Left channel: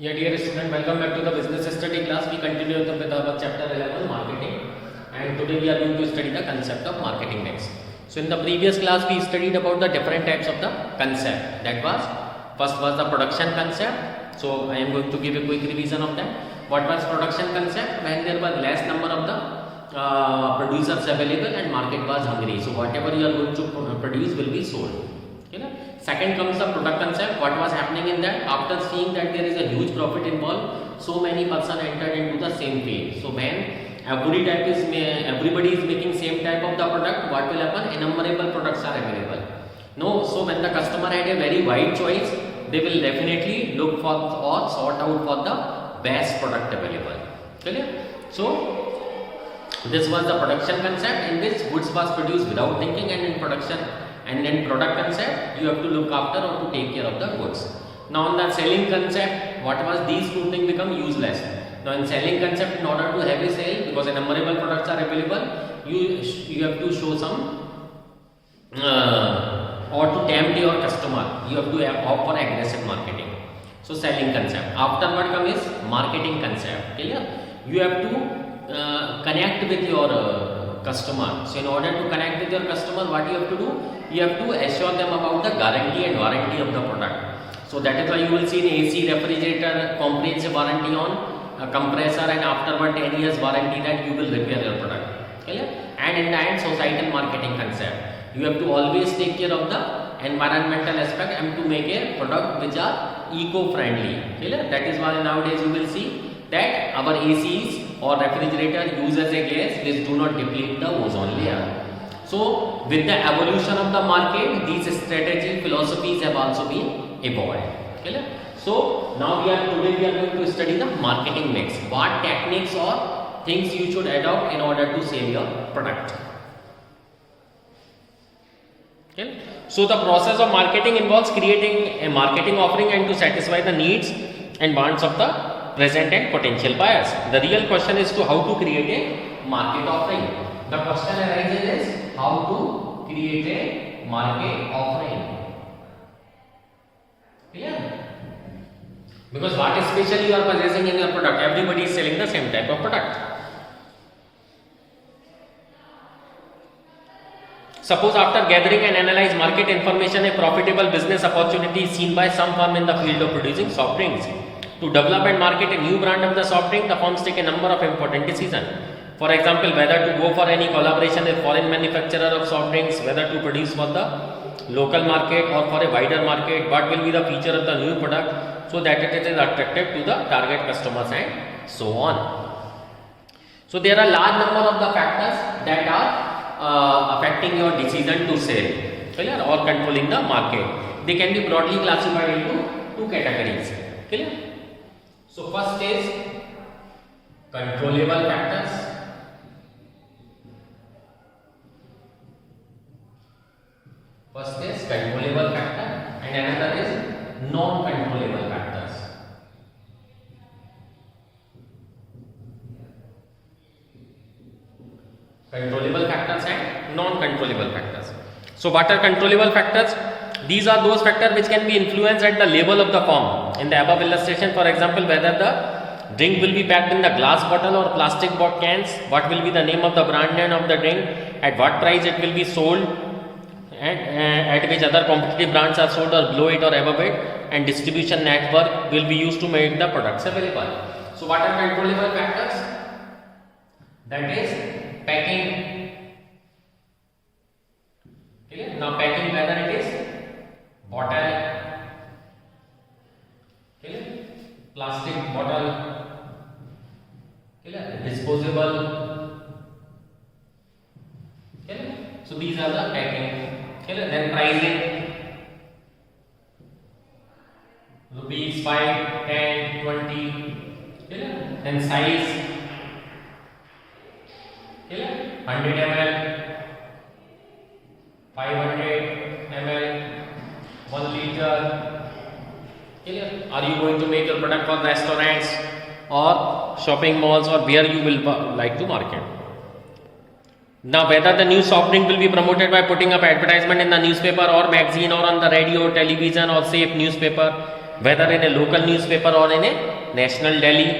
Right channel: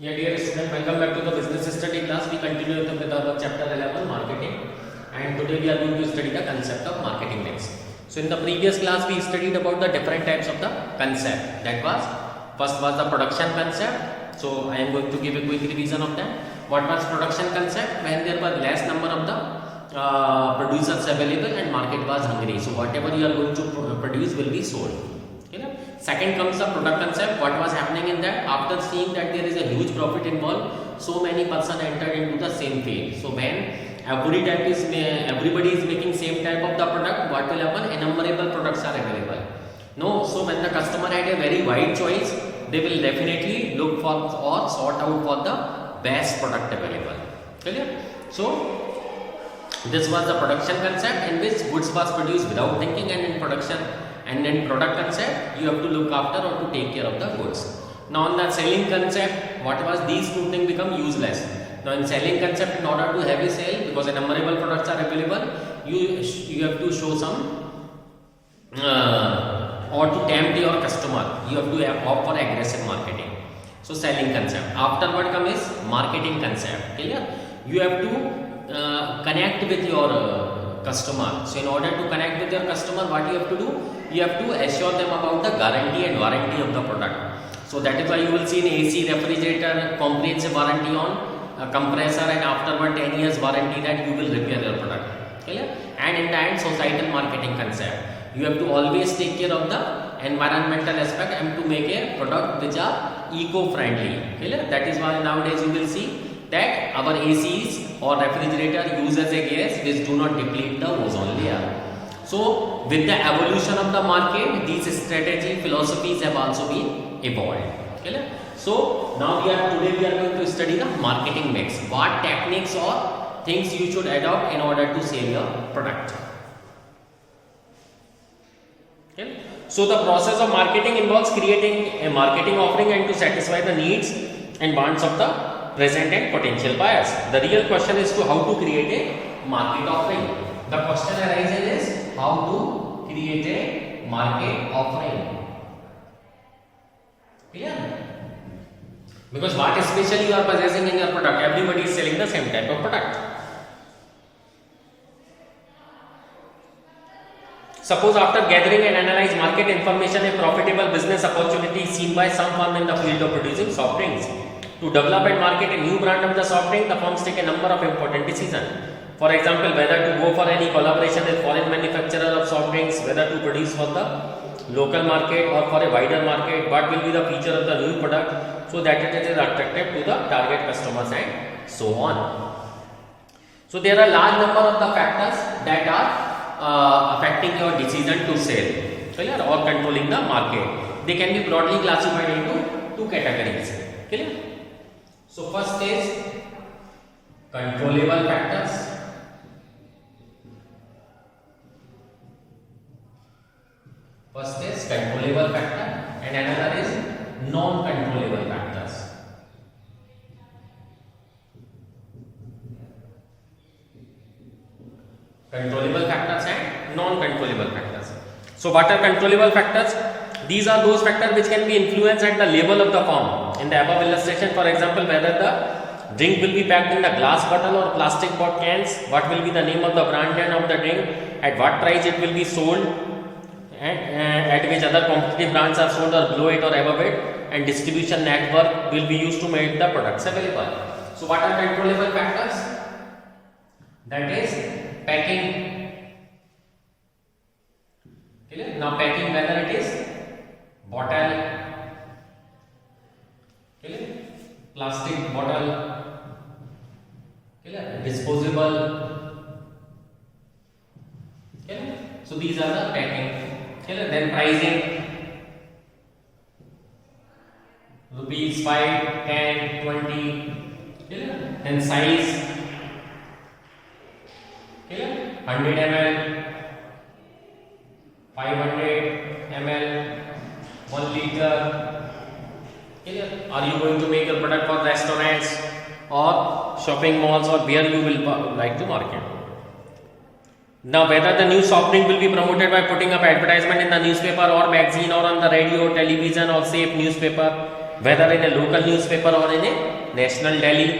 Yeah, dear student, welcome back to the business study class. We continue with our chapter 11, marketing, and today we are going to study the concept of marketing next. So in the previous class we studied about the different types of the concept. That was first was the production concept. So I am going to give a quick revision of that. What was production concept? When there was less number of the producers available and market was hungry. So whatever you are going to produce will be sold. Okay, na? Second comes the product concept. What was happening in that? After seeing that there is a huge profit involved, so many person entered into the same field. So when everybody is making same type of the product, what will happen? Innumerable products are available. No, so when the customer had a very wide choice, they will definitely look for or sort out for the best product available. Clear? So this was the production concept in which goods was produced without thinking, and in production and in product concept you have to look after or to take care of the goods. Now in the selling concept, what was these two things become useless. Now in selling concept, in order to have a sale, because innumerable products are available, you have to show some or to tempt your customer, you have to opt for aggressive marketing. So selling concept. After what comes is marketing concept. Clear? You have to connect with your customer. So in order to connect with your customer, what you have to do? You have to assure them about the guarantee and warranty of the product. So that is why you will see in AC refrigerator comprehensive warranty on compressor, and afterward 10 years warranty that you will repair your product. Clear? And in the end, societal marketing concept. You have to always take care of the environmental aspect and to make a product which are eco-friendly. Clear? That is why nowadays you will see that our ACs or refrigerator uses a gas which do not deplete the ozone layer. So with the evolution of the market, these strategy philosophies have also been evolved. Clear? So now today we are going to study the marketing mix. What techniques or things you should adopt in order to sell your product. Okay? So the process of marketing involves creating a marketing offering and to satisfy the needs and wants of the present and potential buyers. The real question is to how to create a market offering. The question arises is how to create a market offering. Clear? Because what especially you are possessing in your product, everybody is selling the same type of product. Suppose after gathering and analyze market information, a profitable business opportunity is seen by some firm in the field of producing soft drinks. To develop and market a new brand of the soft drink, the firms take a number of important decisions. For example, whether to go for any collaboration with foreign manufacturer of soft drinks, whether to produce for the local market or for a wider market, what will be the feature of the new product so that it is attractive to the target customers and so on. So there are large number of the factors that are affecting your decision to sell. So yeah, or controlling the market. They can be broadly classified into two categories. Clear? So first is controllable factors. First is controllable factor and another is non-controllable factors. Controllable factors and non-controllable factors. So what are controllable factors? These are those factors which can be influenced at the level of the firm. In the above illustration, for example, whether the drink will be packed in the glass bottle or plastic cans, what will be the name of the brand name of the drink, at what price it will be sold, at which other competitive brands are sold or below it or above it, and distribution network will be used to make the products available. So what are controllable factors? That is packing. Okay. Now packing, whether it is bottle, okay, plastic bottle, okay, disposable. Okay. So these are the packing. Okay. Then pricing, rupees 5, 10, 20. Okay. Then size, okay, 100 ml, 500 ml, 1 liter. Okay. Are you going to make your product for restaurants or shopping malls, or where you will like to market? Now whether the new soft drink will be promoted by putting up advertisement in the newspaper or magazine or on the radio, television or safe newspaper, whether in a local newspaper or in a national daily,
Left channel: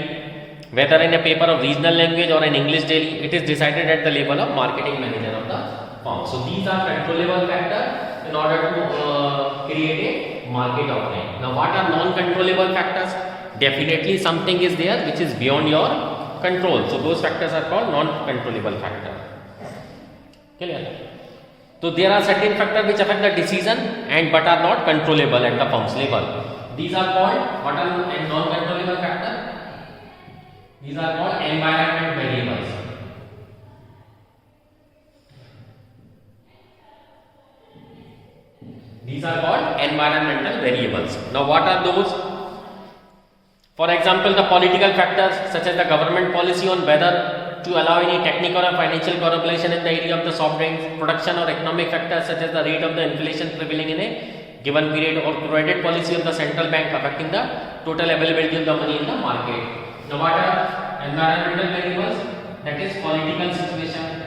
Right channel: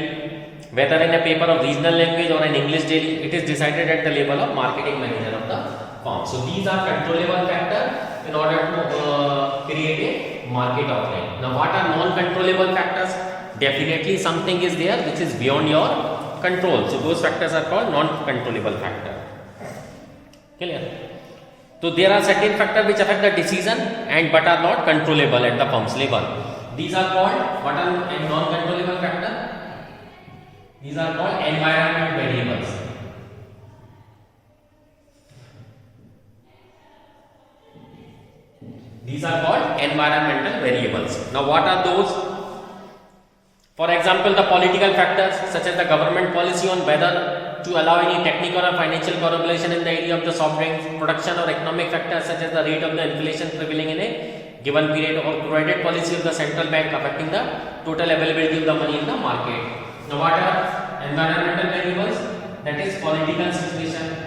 whether in a paper of regional language or an English daily, it is decided at the level of marketing manager of the firm. So these are controllable factors in order to create a market offering. Now what are non-controllable factors? Definitely something is there which is beyond your control. So those factors are called non-controllable factor. Clear? So there are certain factors which affect the decision and but are not controllable at the firm's level. These are called what are non-controllable factor? These are called environment variables. These are called environmental variables. Now what are those? For example, the political factors such as the government policy on whether to allow any technical or financial correlation in the area of the soft drinks, production or economic factors such as the rate of the inflation prevailing in a given period, or credit policy of the central bank affecting the total availability of the money in the market. Now what are environmental variables? That is political situation,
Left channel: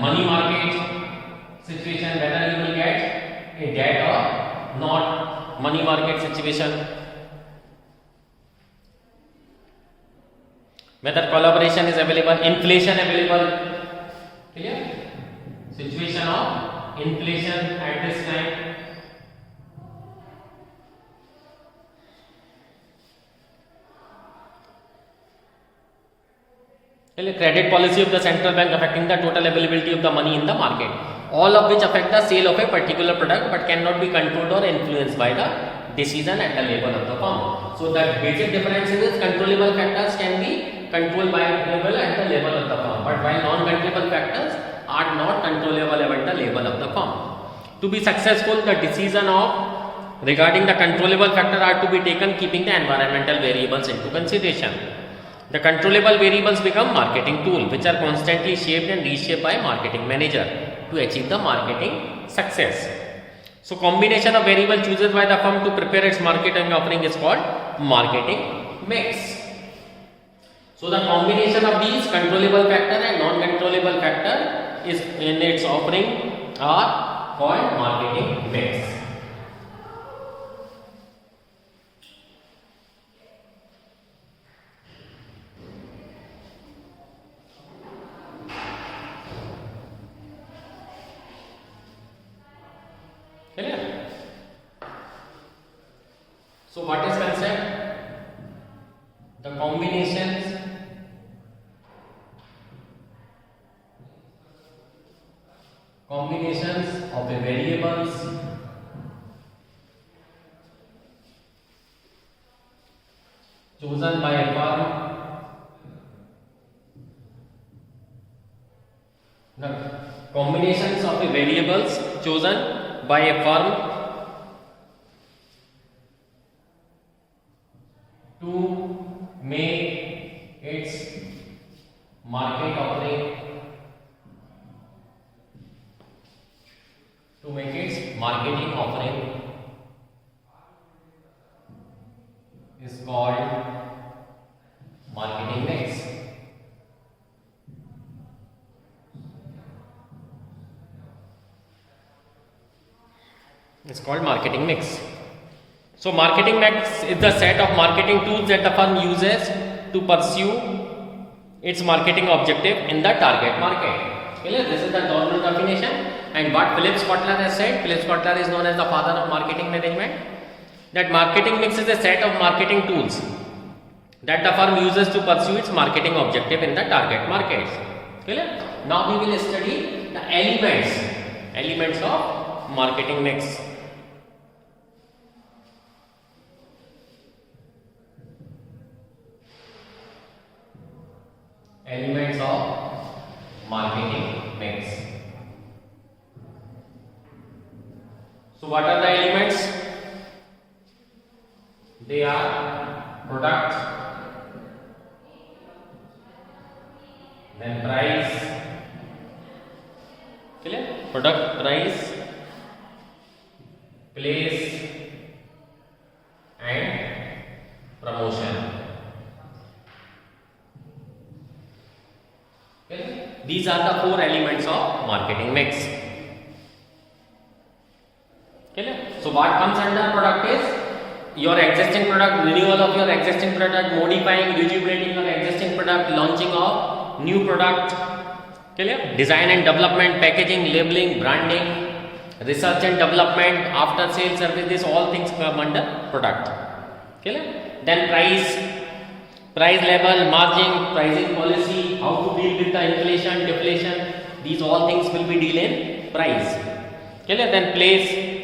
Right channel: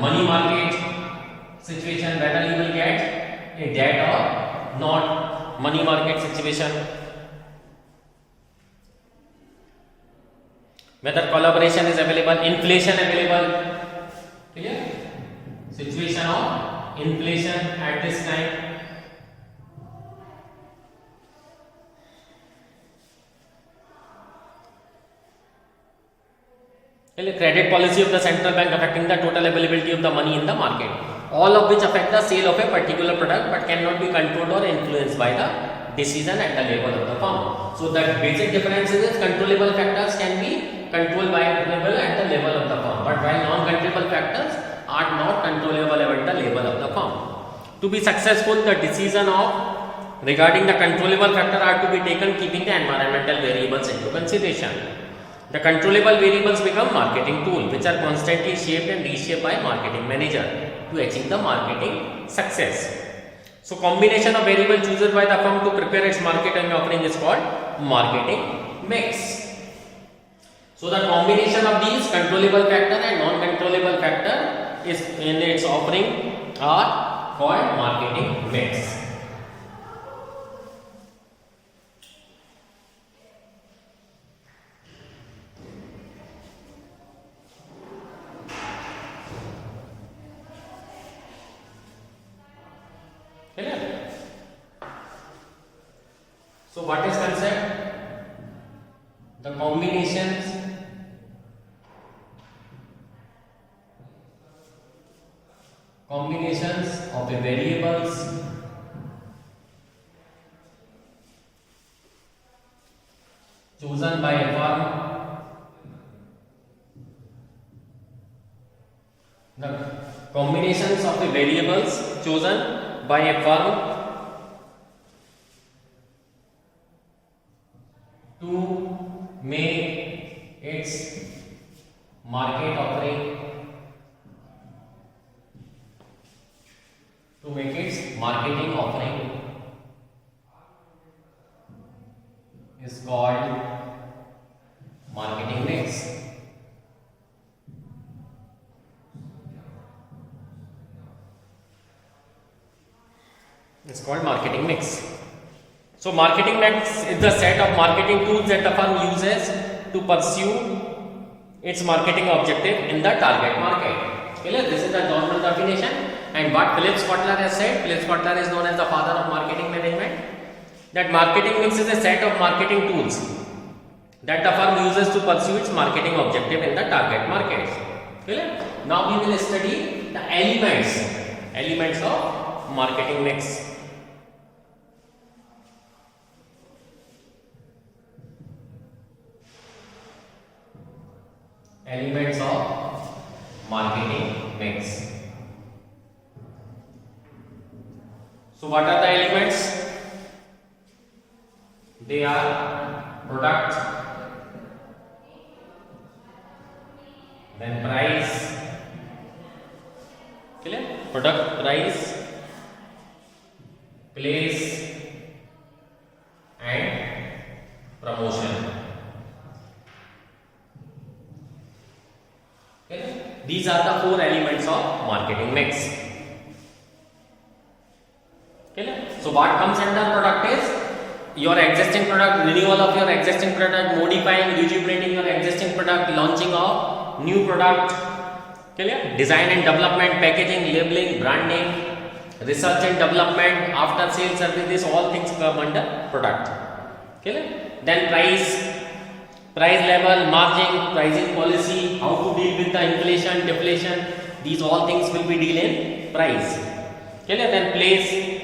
money market situation, whether you will get a debt or not, money market situation, whether collaboration is available, inflation available, clear? Situation of inflation at this time. Credit policy of the central bank affecting the total availability of the money in the market, all of which affect the sale of a particular product but cannot be controlled or influenced by the decision at the level of the firm. So the basic difference is controllable factors can be controlled by level at the level of the firm, but while non-controllable factors are not controllable at the level of the firm. To be successful, the decision of regarding the controllable factor are to be taken keeping the environmental variables into consideration. The controllable variables become marketing tool which are constantly shaped and reshaped by marketing manager to achieve the marketing success. So combination of variable chosen by the firm to prepare its marketing offering is called marketing mix. So the combination of these controllable factor and non-controllable factor is in its offering are called marketing mix. So what is concept? The combinations of the variables chosen by a firm. The combinations of the variables chosen by a firm to make its market offering, to make its marketing offering is called marketing mix. It's called marketing mix. So marketing mix is the set of marketing tools that the firm uses to pursue its marketing objective in the target market. Clear? This is the normal definition, and what Philip Kotler has said. Philip Kotler is known as the father of marketing management. That marketing mix is a set of marketing tools that the firm uses to pursue its marketing objective in the target markets. Clear? Now we will study the elements of marketing mix. Elements of marketing mix. So what are the elements? They are product, then price, clear? Product, price, place and promotion. These are the four elements of marketing mix. Okay? So what comes under product is your existing product, renewal of your existing product, modifying, rejuvenating your existing product, launching of new product, okay? Design and development, packaging, labeling, branding, research and development, after sales services, all things come under product. Okay? Then price level, margin, pricing policy, how to deal with the inflation, deflation, these all things will be deal in price. Okay? Then place,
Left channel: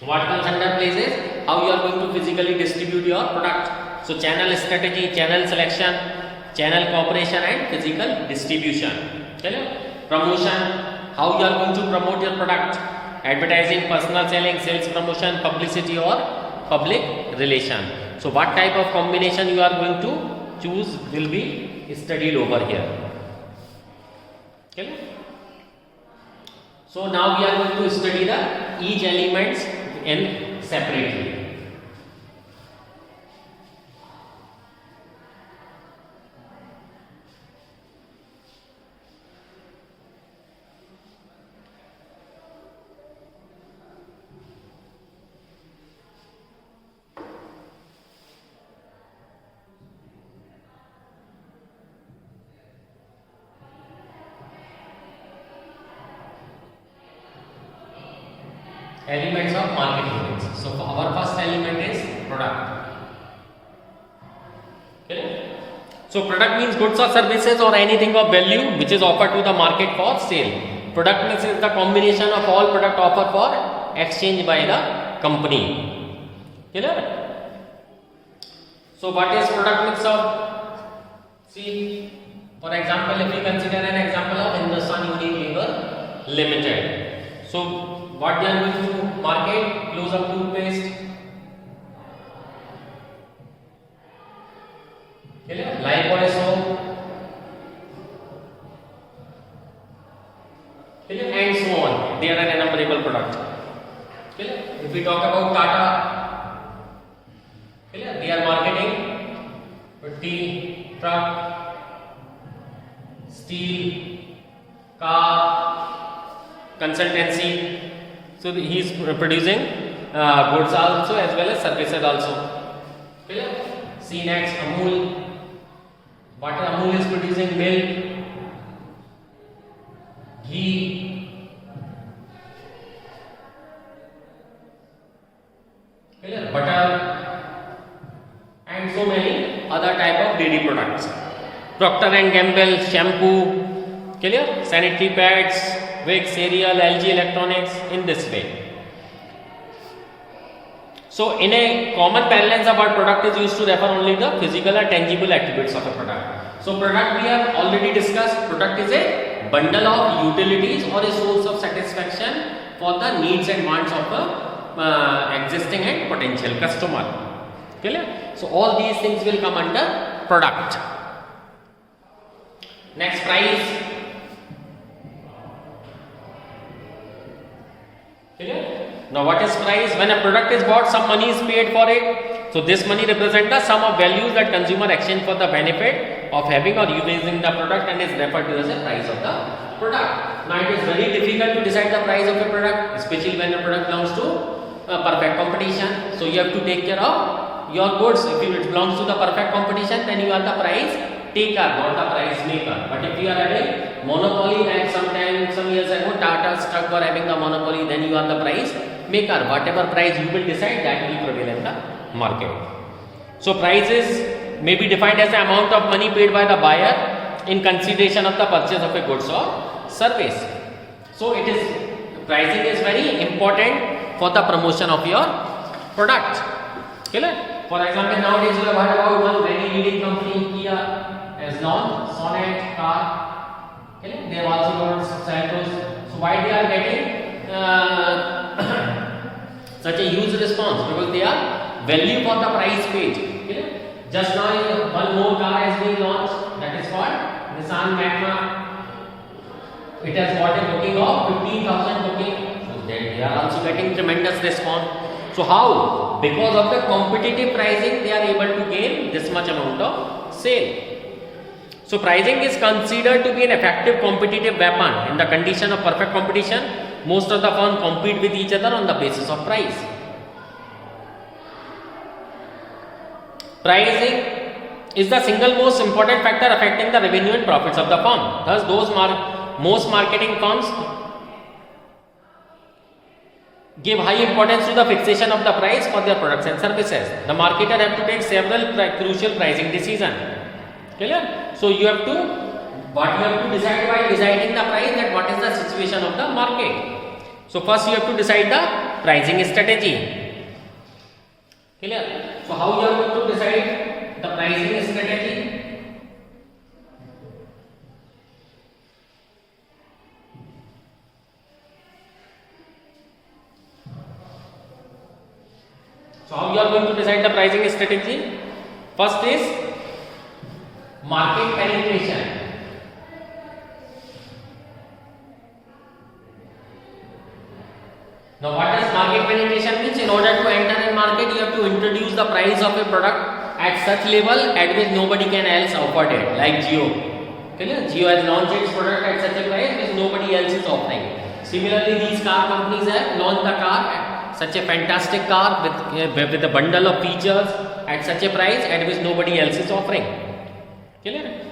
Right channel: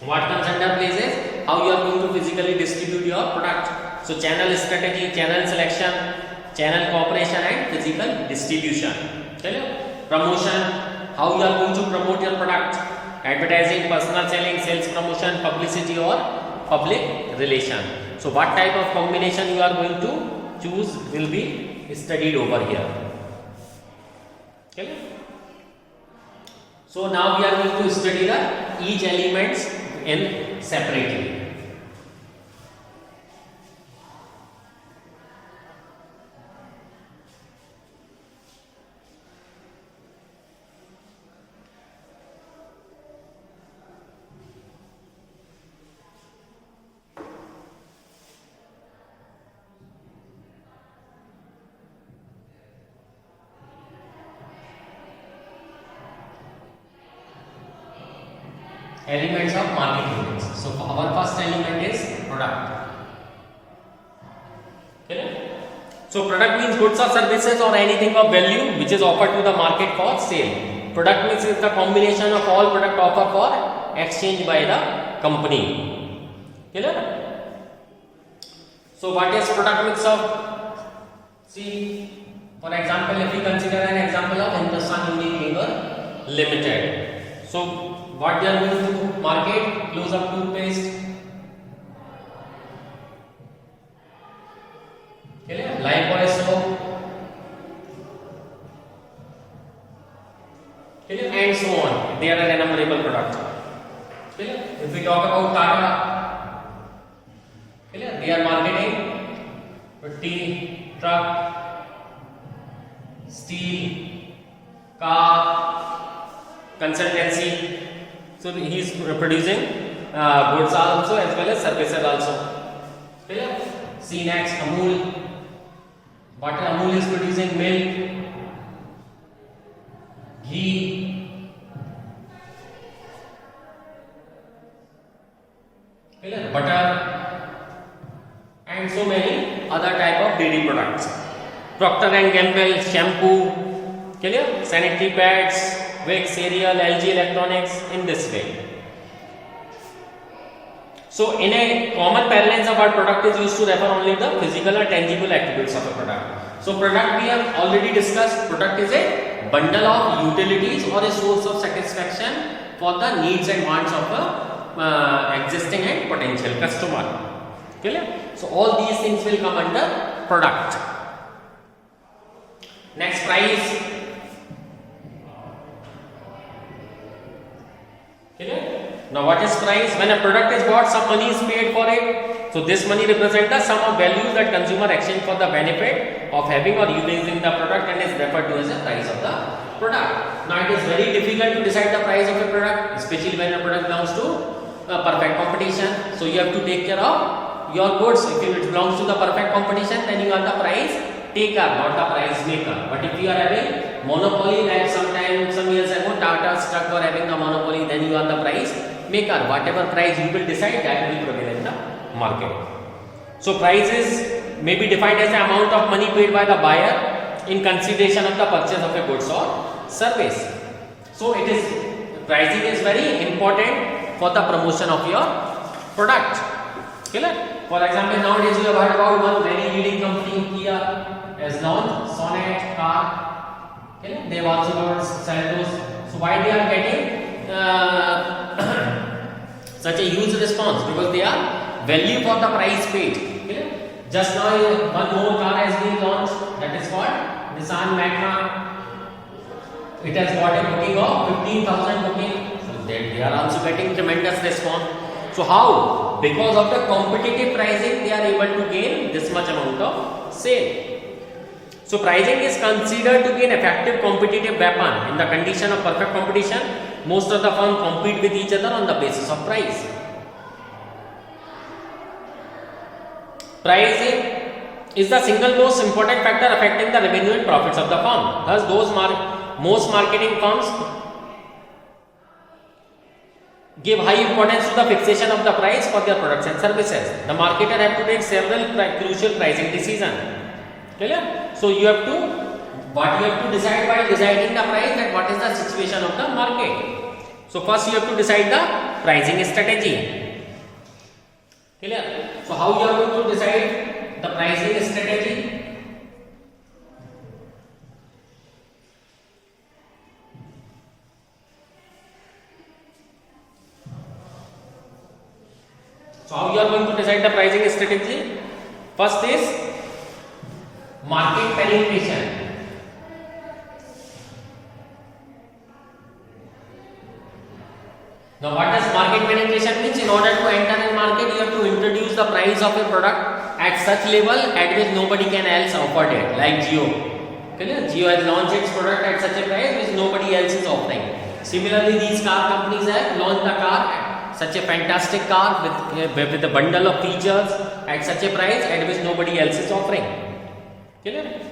what comes under place is how you are going to physically distribute your product. So channel strategy, channel selection, channel cooperation and physical distribution. Okay? Promotion, how you are going to promote your product, advertising, personal selling, sales promotion, publicity or public relation. So what type of combination you are going to choose will be studied over here. Okay? So now we are going to study the each elements in separately. Elements of marketing mix. So our first element is product. Okay? So product means goods or services or anything of value which is offered to the market for sale. Product mix is the combination of all product offered for exchange by the company. Okay? So what is product mix of? See, for example, if we consider an example of Hindustan Unilever Limited. So what they are going to market? Close up toothpaste, Lifebuoy soap, and so on. They are an innumerable product. If we talk about Tata, they are marketing tea, truck, steel, car, consultancy. So he is producing goods also as well as services also. See next, Amul. What Amul is producing? Milk, ghee, butter, and so many other type of dairy products. Procter and Gamble shampoo, clear? Sanitary pads, Vicks, cereal, LG Electronics, in this way. So in a common parlance, the word product is used to refer only the physical or tangible attributes of a product. So product we have already discussed. Product is a bundle of utilities or a source of satisfaction for the needs and wants of a existing and potential customer. Clear? So all these things will come under product. Next, price. Now what is price? When a product is bought, some money is paid for it. So this money represents the sum of values that consumer exchange for the benefit of having or using the product and is referred to as the price of the product. Now it is very difficult to decide the price of a product, especially when a product belongs to perfect competition. So you have to take care of your goods. If it belongs to the perfect competition, then you are the price taker, not the price maker. But if you are having monopoly, like some years ago Tata Struck were having the monopoly, then you are the price maker. Whatever price you will decide, that will prevail in the market. So prices may be defined as the amount of money paid by the buyer in consideration of the purchase of a goods or service. So it is, pricing is very important for the promotion of your product. Clear? For example, nowadays you have heard about one very leading company, Kia, has launched Sonet car. Okay? They have also launched Santos. So why they are getting such a huge response? Because they are value for the price paid. Okay? Just now one more car has been launched, that is called Nissan Magma. It has got a booking of 15,000 booking. So they are also getting tremendous response. So how? Because of the competitive pricing, they are able to gain this much amount of sale. So pricing is considered to be an effective competitive weapon in the condition of perfect competition. Most of the firm compete with each other on the basis of price. Pricing is the single most important factor affecting the revenue and profits of the firm. Thus, most marketing firms give high importance to the fixation of the price for their products and services. The marketer have to take several crucial pricing decisions. Clear? So you have to decide while deciding the price, that what is the situation of the market. So first you have to decide the pricing strategy. Clear? So how you are going to decide the pricing strategy? So how you are going to decide the pricing strategy? First is market penetration. Now what does market penetration means? In order to enter in market, you have to introduce the price of a product at such level at which nobody can else offer it, like Jio. Okay? Jio has launched its product at such a price which nobody else is offering. Similarly, these car companies have launched the car, such a fantastic car with a bundle of features at such a price at which nobody else is offering. Clear?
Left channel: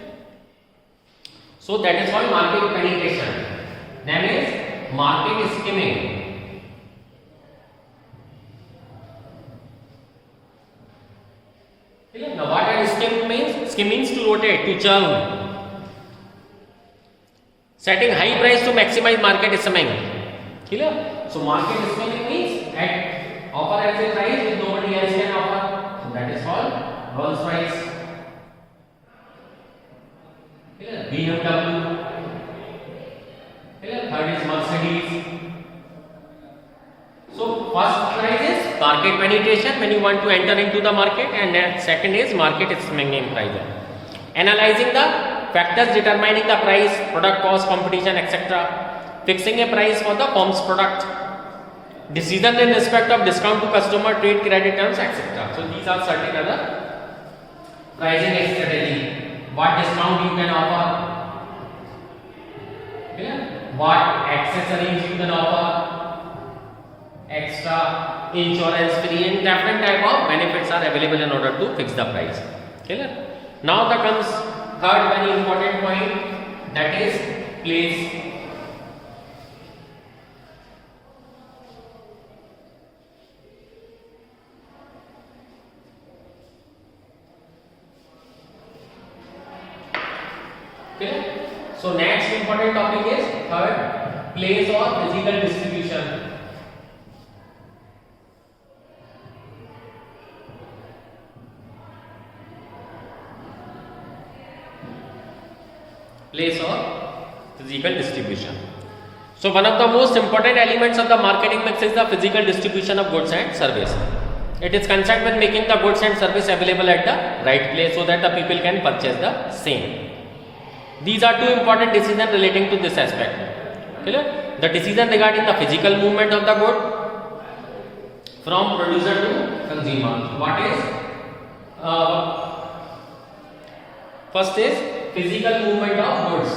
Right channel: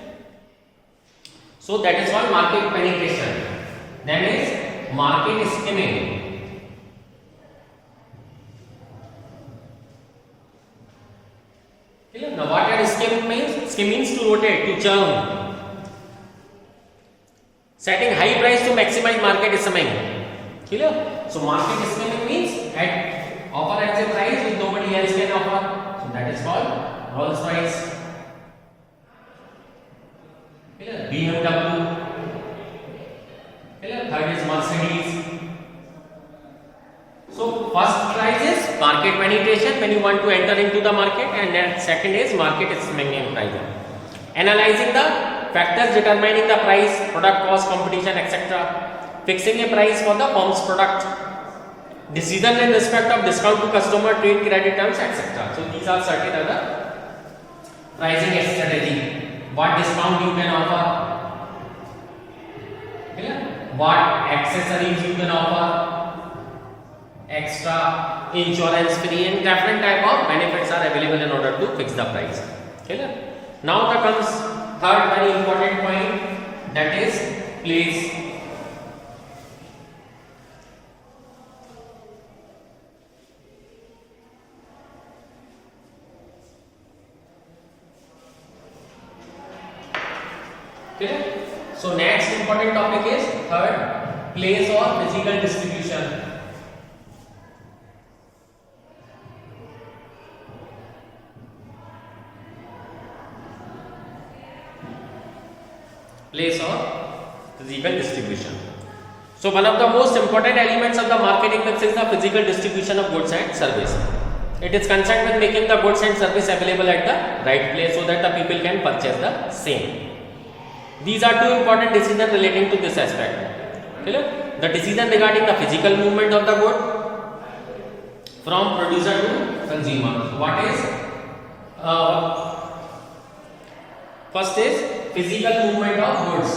So that is called market penetration. Then is market skimming. Clear? Now what does skim means? Skim means to rotate, to churn. Setting high price to maximize market skimming. Clear? So market skimming means at offer at a price which nobody else can offer. So that is called Rolls Royce. Clear? BMW. Clear? Third is Mercedes. So first price is market penetration when you want to enter into the market, and then second is market skimming price. Analyzing the factors determining the price, product cost, competition, etc. Fixing a price for the firm's product. Decision in respect of discount to customer, trade credit terms, etc. So these are certain other pricing strategy. What discount you can offer? Clear? What accessories you can offer? Extra, insurance free, and different type of benefits are available in order to fix the price. Clear? Now there comes third very important point, that is place. Clear? So next important topic is third, place or physical distribution. Place or physical distribution. So one of the most important elements of the marketing mix is the physical distribution of goods and service. It is concerned with making the goods and service available at the right place so that the people can purchase the same. These are two important decisions relating to this aspect. Clear? The decision regarding the physical movement of the good from producer to consumer. What is? First is physical movement of goods.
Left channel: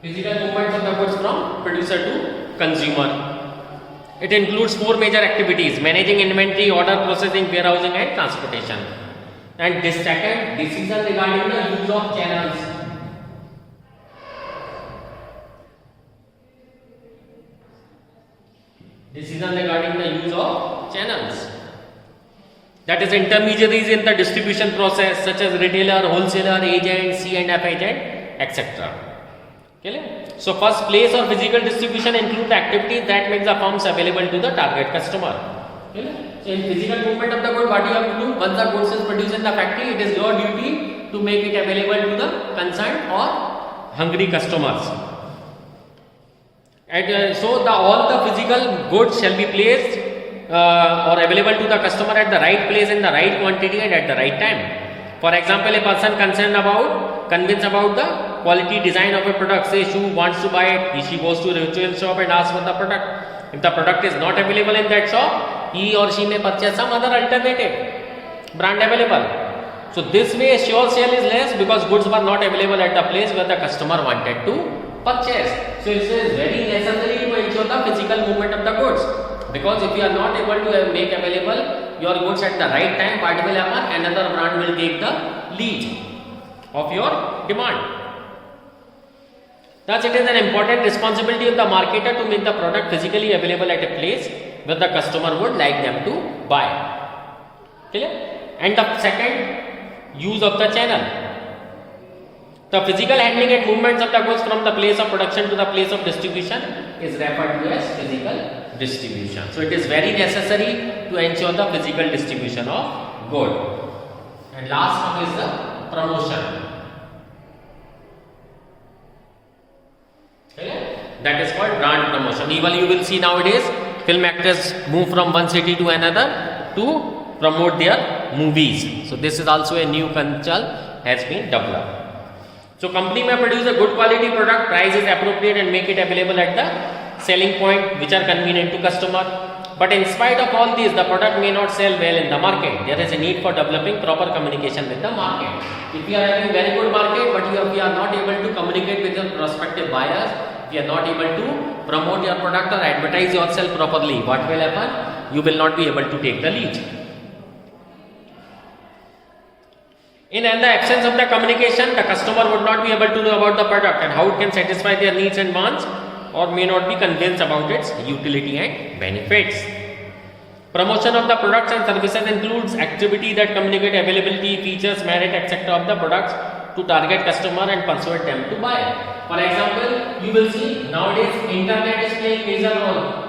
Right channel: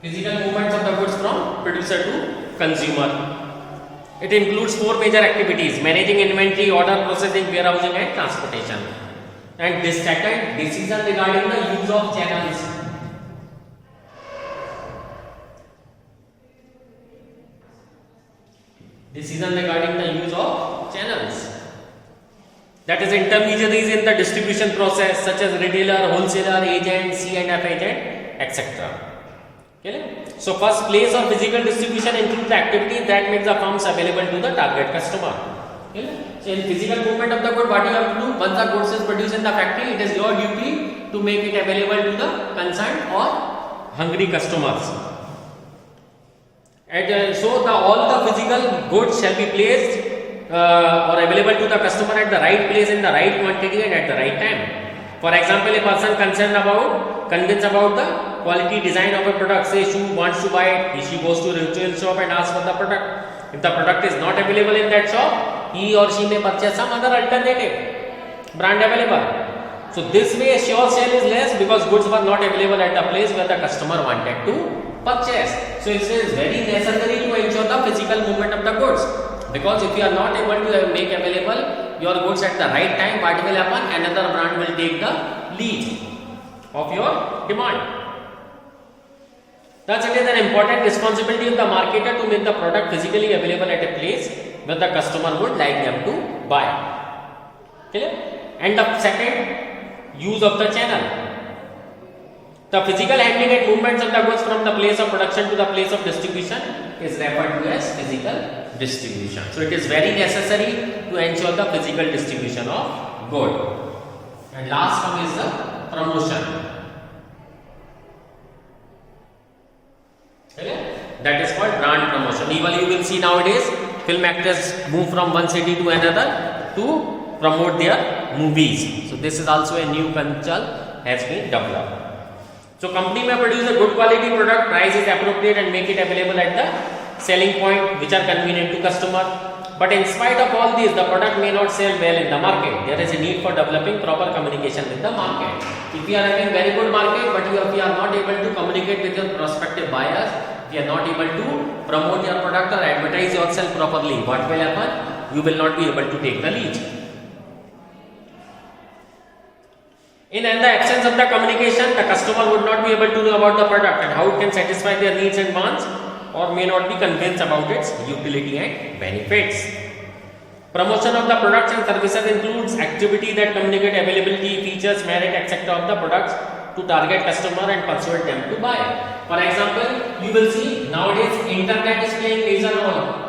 Physical movements of the goods from producer to consumer. It includes four major activities: managing inventory, order processing, warehousing, and transportation. And this second, decision regarding the use of channels. Decision regarding the use of channels. That is intermediaries in the distribution process, such as retailer, wholesaler, agent, C&F agent, etc. Okay? So first, place or physical distribution includes the activities that make the firms available to the target customer. Okay? So in physical movement of the good, what you have to do, once the goods is produced in the factory, it is your duty to make it available to the concerned or hungry customers. And so all the physical goods shall be placed or available to the customer at the right place in the right quantity and at the right time. For example, a person convinced about the quality design of a product, say she wants to buy it, she goes to a retail shop and asks for the product. If the product is not available in that shop, he or she may purchase some other alternative brand available. So this way sure sale is less because goods were not available at the place where the customer wanted to purchase. So it is very necessary to ensure the physical movement of the goods, because if you are not able to make available your goods at the right time, what will happen? Another brand will take the lead of your demand. Thus, it is an important responsibility of the marketer to make the product physically available at a place where the customer would like them to buy. Clear? And the second, use of the channel. The physical handling and movements of the goods from the place of production to the place of distribution is referred to as physical distribution. So, it is very necessary to ensure the physical distribution of goods. And last one is the promotion. That is called brand promotion. Even you will see nowadays film actors move from one city to another to promote their movies. So this is also a new culture has been developed. So company may produce a good quality product, price is appropriate and make it available at the selling point which are convenient to customer. But in spite of all this, the product may not sell well in the market. There is a need for developing proper communication with the market. If you are having very good market, but if you are not able to communicate with your prospective buyers, if you are not able to promote your product or advertise yourself properly, what will happen? You will not be able to take the lead. In the absence of the communication, the customer would not be able to know about the product and how it can satisfy their needs and wants, or may not be convinced about its utility and benefits. Promotion of the products and services includes activities that communicate availability, features, merit, etc. of the products to target customer and persuade them to buy. For example, you will see nowadays internet is playing major role.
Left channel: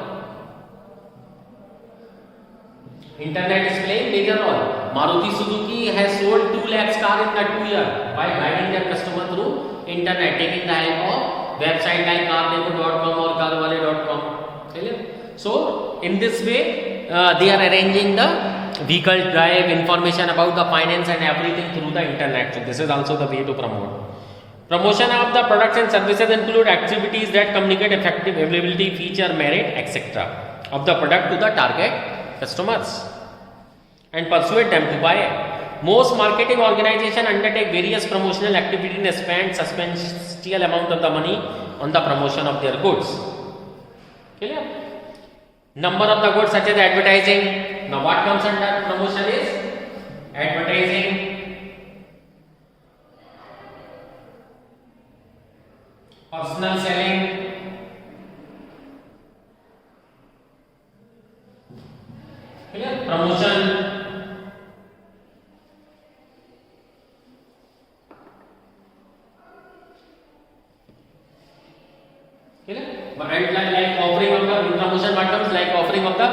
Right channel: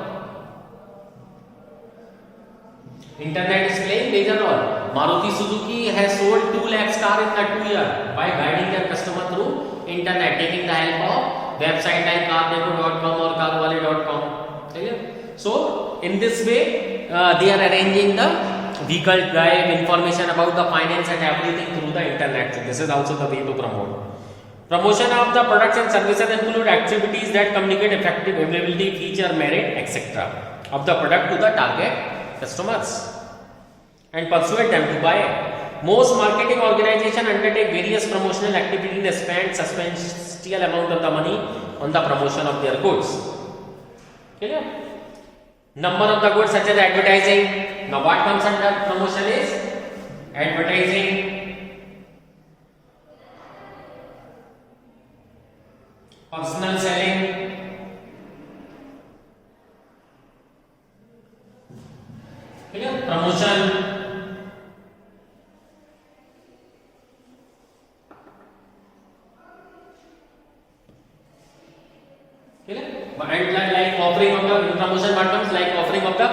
Internet is playing major role. Maruti Suzuki has sold 2 lakh cars in the 2 years by guiding their customer through internet, taking the help of website like cardeco.com or carwale.com. So in this way they are arranging the vehicle drive information about the finance and everything through the internet. So this is also the way to promote. Promotion of the products and services include activities that communicate effective availability, feature, merit, etc. of the product to the target customers and persuade them to buy it. Most marketing organizations undertake various promotional activities and spend substantial amount of the money on the promotion of their goods. Clear? Number of the goods such as advertising. Now what comes under promotion is advertising, personal selling, clear? Promotion, and like offering of the promotion, what comes like offering of the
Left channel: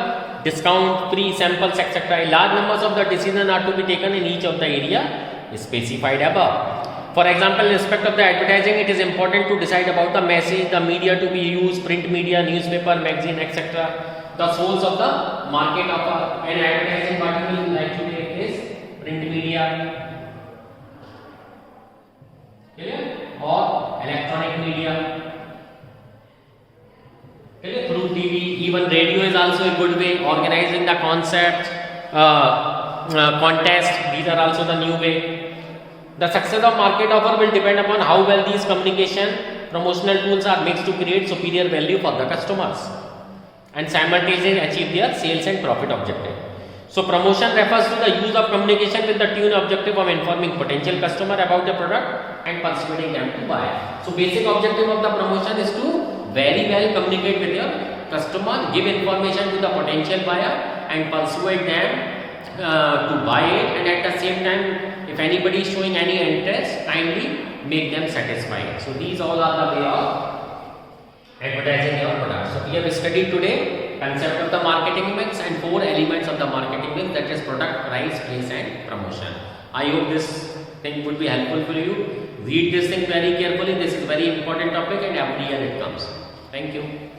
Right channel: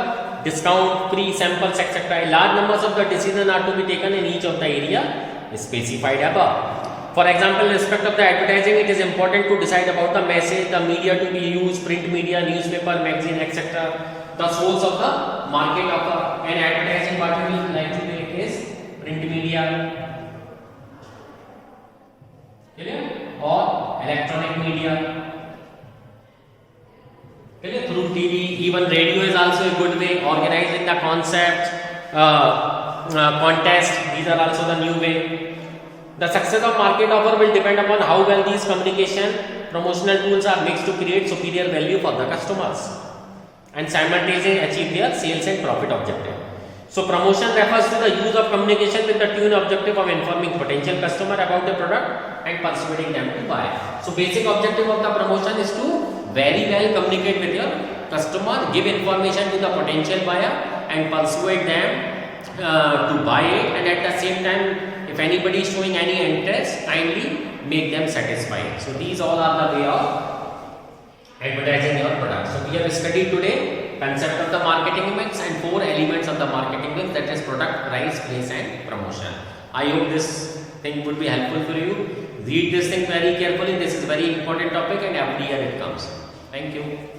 discount, free samples, etc. Large numbers of the decisions are to be taken in each of the area specified above. For example, in respect of the advertising, it is important to decide about the message, the media to be used, print media, newspaper, magazine, etc. The source of the market of an advertising, what we like to take is print media, or electronic media. Through TV, even radio is also a good way. Organizing the concept, contest, these are also the new way. The success of market offer will depend upon how well these communication promotional tools are mixed to create superior value for the customers and simultaneously achieve their sales and profit objective. So promotion refers to the use of communication with the tune objective of informing potential customer about the product and persuading them to buy. So basic objective of the promotion is to very well communicate with your customer, give information to the potential buyer and persuade them to buy it, and at the same time if anybody is showing any interest, kindly make them satisfied. So these all are the way of advertising your product. So we have studied today concept of the marketing mix and 4 elements of the marketing mix, that is product, price, place and promotion. I hope this thing would be helpful for you. Read this thing very carefully. This is a very important topic and every year it comes. Thank you.